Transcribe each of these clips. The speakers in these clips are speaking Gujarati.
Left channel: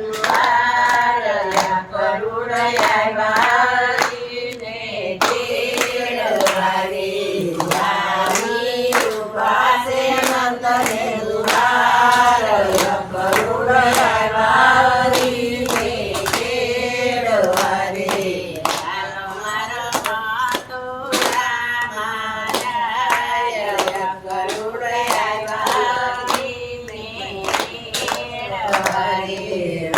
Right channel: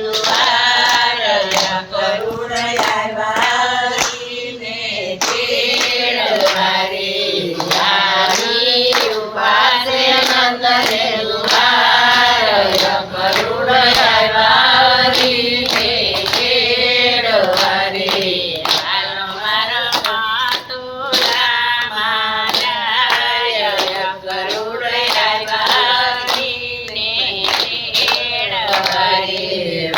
દ્વારયા કરુણયા વારીને તેડવારે આવી ઉભા છે નંદને દ્વારયા કરુણયા વારીને તેડવારે હાલો મારો મથુરામાં જાય કરુણયા વારીને તેડવારે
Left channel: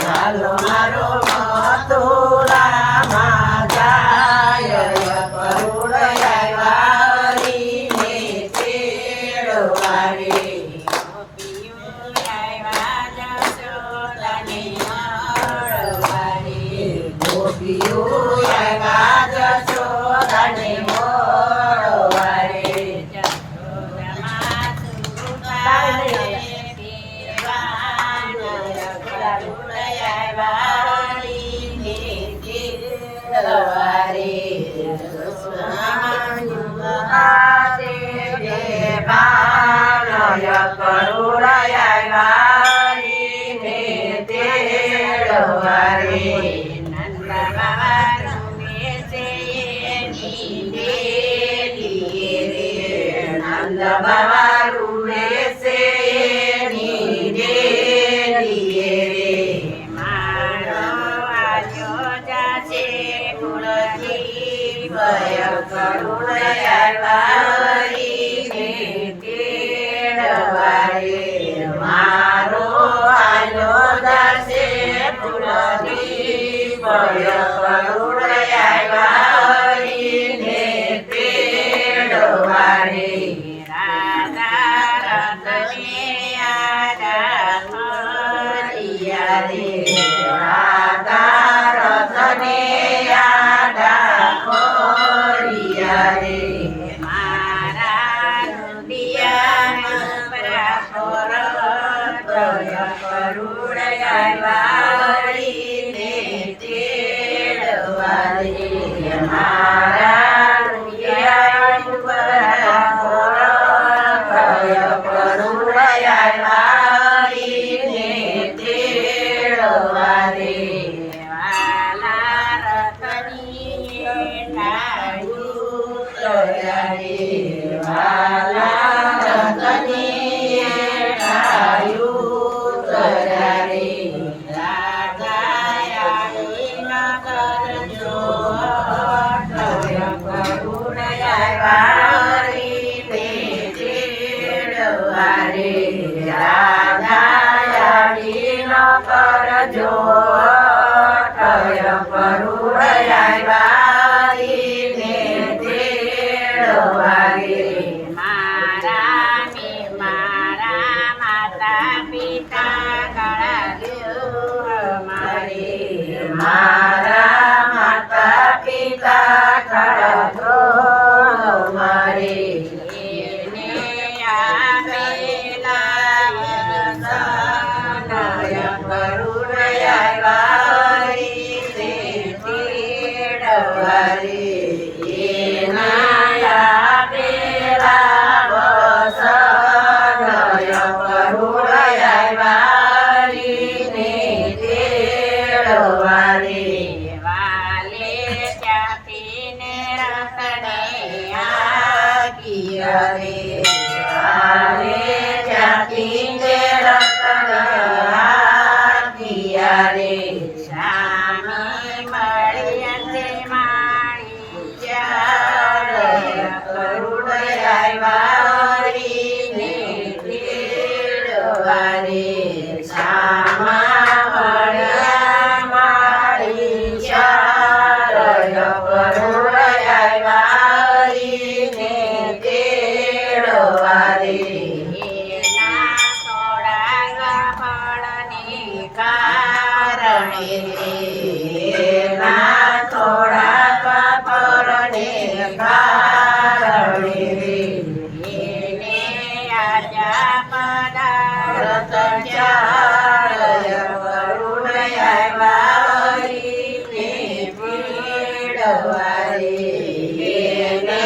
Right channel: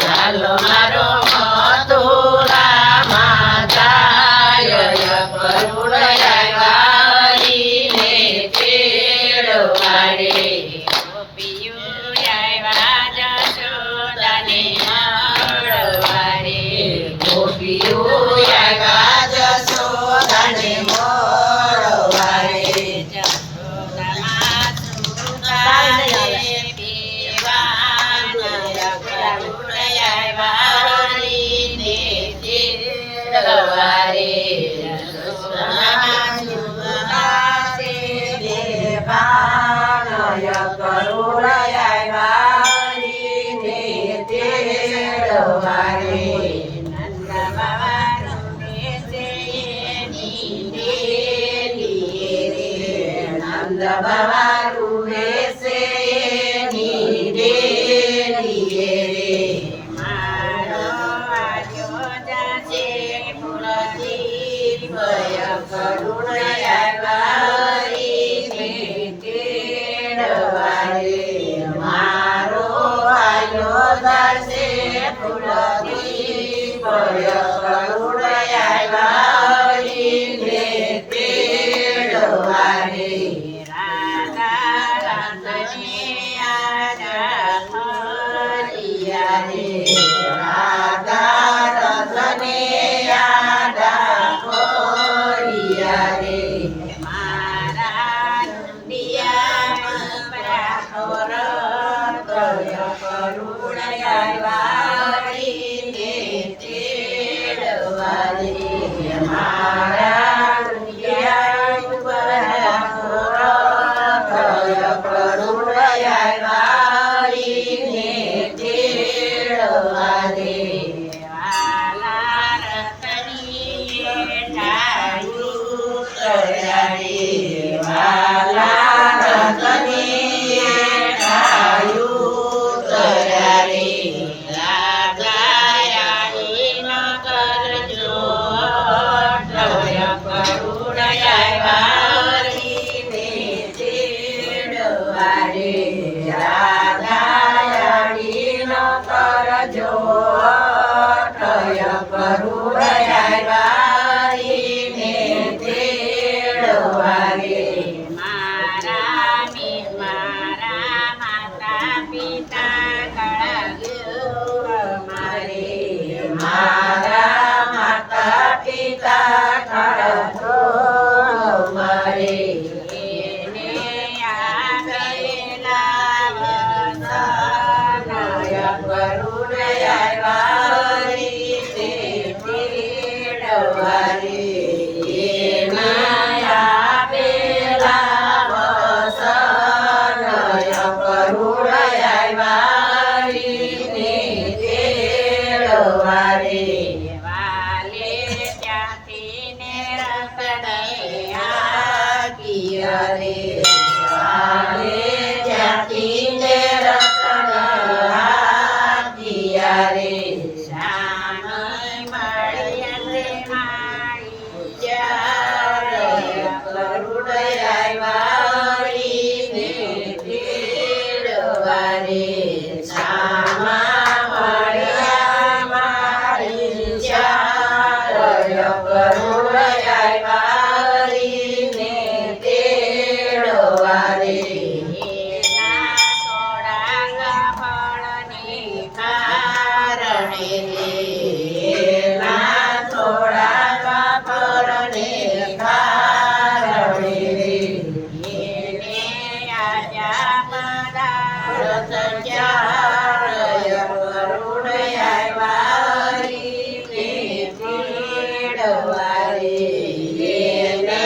હાલો મારો મથુરામાં જાય કરુણયા વારીને તેડવારે ગોપીઓ આવ્યા જશોદાને મળવારે ગોપીઓ આવ્યા જશોદાને મળવારે જશોદામાં સુતારે પીવાનયા કરુણયા વારીને તેડવારે જશોદામાં સુતારે દેવાનયા કરુણયા વારીને તેડવારે નંદ બાબા રૂમે છે એની ડેલીએ રે નંદ બાબા રૂમે છે એની ડેલીએ રે મારો આજો જાશે કુળદીપ કરુણયા વારીને તેડવારે મારો આયો દાસે કુળદીપ કરુણયા વારીને તેડવારે રાધા રતને આડા ફરિયા રે રાધા રતને આડા ફરિયા રે મારા રુદિયામાં પ્રાપર કરુણયા વારીને તેડવારે મારા રુદિયામાં પ્રાપર કરુણયા વારીને તેડવારે વાલા રતની ઠાયું તરારે વાલા રતની ઠાયું તરારે રાધાયાની ન કરજો કરુણયા વારીને તેડવારે રાધાયાની ન કરજો કરુણયા વારીને તેડવારે મારા માતા પિતા કળા મારે મારા માતા પિતા કળા મારે એને આવેલા કરુણયા વારીને તેડવારે એના આપેલા વસનયા કરુણયા વારીને તેડવારે વાલે ત્યાંથી ને રતને આગિયા રે વાલે ત્યાંથી ને રતને આગિયા રે શામી મળ્યા છે મારી ચારયા કરુણયા વારીને તેડવારે શામા મળ્યા મારી ચારયા કરુણયા વારીને તેડવારે એના થોડા ફળને કારણે એના થોડા ફળને કારણે એને આજા પદાર્થ ચારય કરુણયા વારીને તેડવારે એને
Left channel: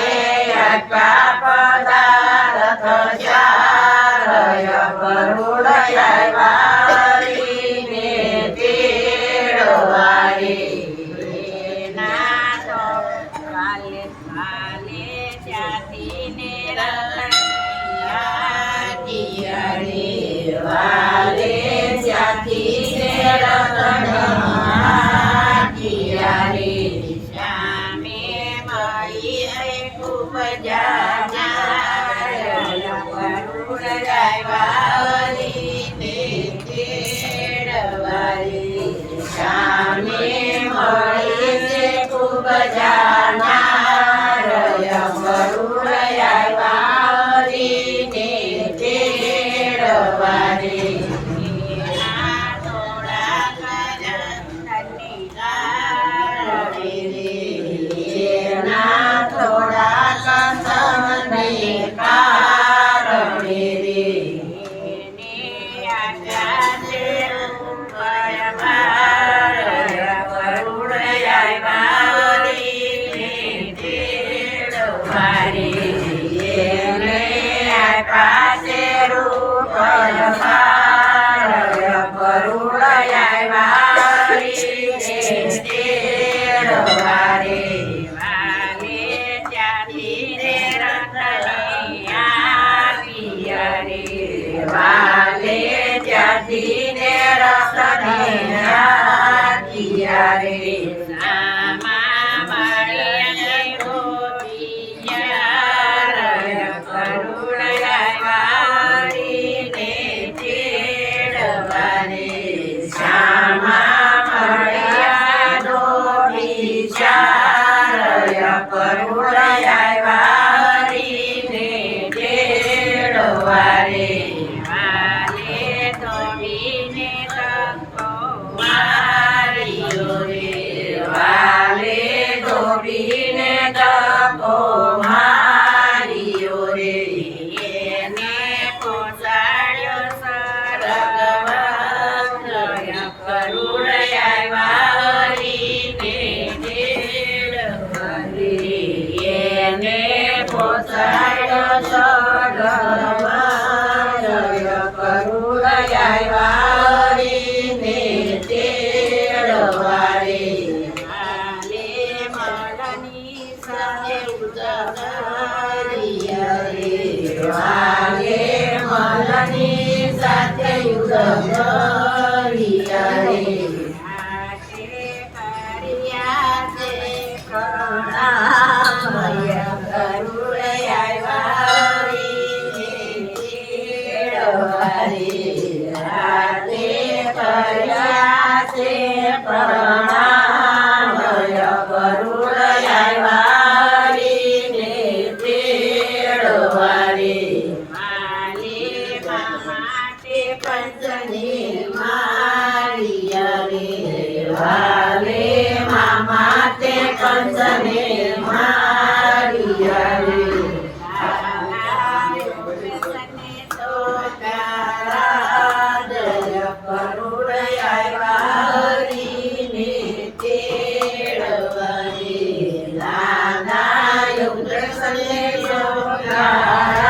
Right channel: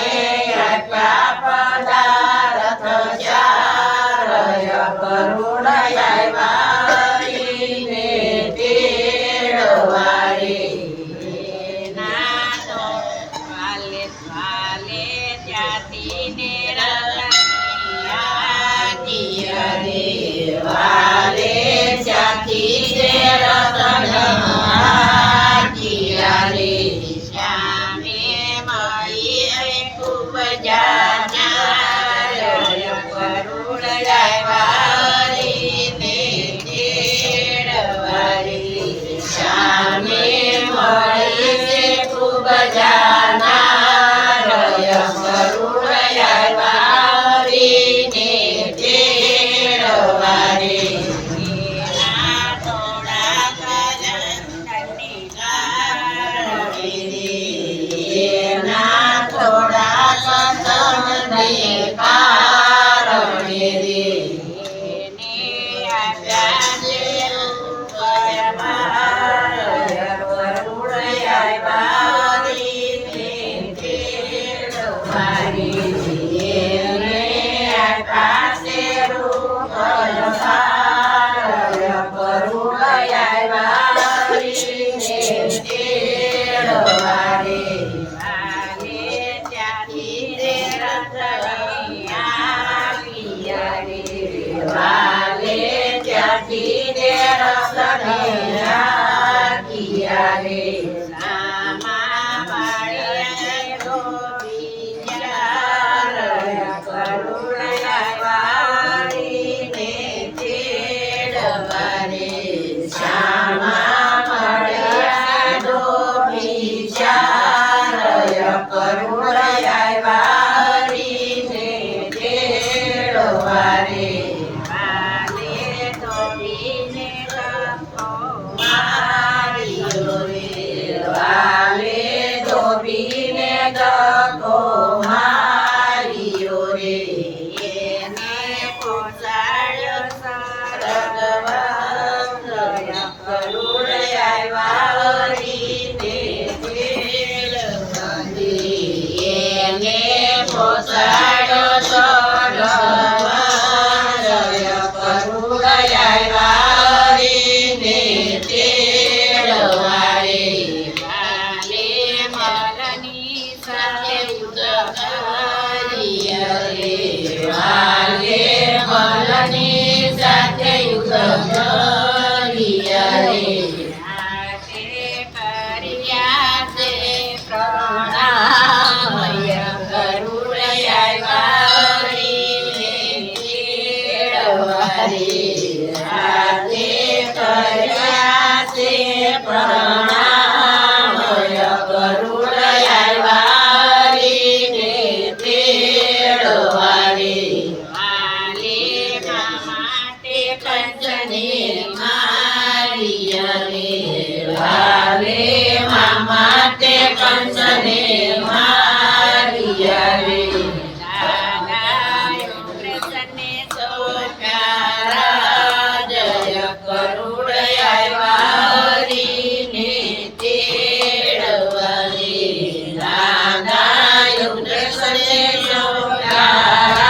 આજા પદાર્થ ચારય કરુણયા વારીને રતને હાંક્યા રે. શ્યામે મળી ખૂબ જાનાર કરુણ વારીને તેડવા રે. શ્યામે મળી ખૂબ જાનાર કરુણ વારીને તેડવા રે. એના થોડા કરંદની કારણે રે. એના થોડા કરંદને કારણે રે. એને આપ્યા છે રૂપ અપાર કરુણ વારીને તેડવા રે. એને આપ્યા છે રૂપ અપાર કરુણ વારીને તેડવા રે. વાલે ત્યાંથી રે રતને આપીયા રે. વાલે ત્યાંથી રે રતને આપીયા રે. સામા મળ્યા ગોપિયા કરુણ વારીને તેડવા રે. શ્યામા મળ્યા ગોપિયા કરુણ વારીને તેડવા રે. વાલે ધોબીને ધક્કો માર્યો રે. વાલે ધોબીને ધક્કો માર્યો રે. એને પહોંચાડ્યો સરગવન કરુણ વારીને તેડવા રે. એને પહોંચાડ્યો સરગવન કરુણ વારીને તેડવા રે. વાલે મલની સાથે યુદ્ધ કર્યા રે. વાલે મલની સાથે યુદ્ધ કર્યા રે. હાથે કર્યા છે પ્રણામય કરુણ વારીને તેડવા રે. હાથે કર્યા છે પ્રણામય કરુણ વારીને તેડવા રે. વાલે મામા તે પંચને માર્યા રે. વાલે મામા તે પંચને માર્યા રે. દાદાએ કૃષ્ણને સોપ્યા જય કરુણ વારીને તેડવા રે. દાદાએ કૃષ્ણને સોપ્યા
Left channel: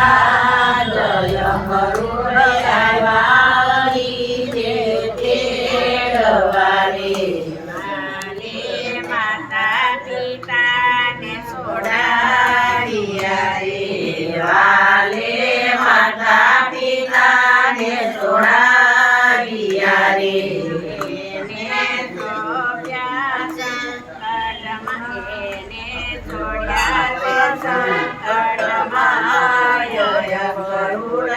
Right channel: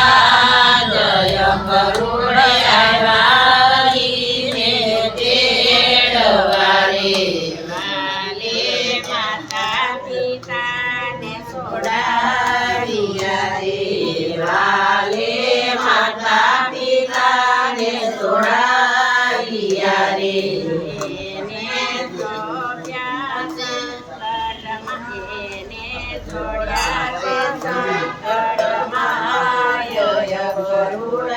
જય કરુણ વારીને તેડવા રે. વાલે માતા પિતાને છોડાવ્યા રે. વાલે માતા પિતાને છોડાવ્યા રે. એને સોંપ્યા સંકટમાં. એને છોડ્યા છે સંકટમાં કરુણ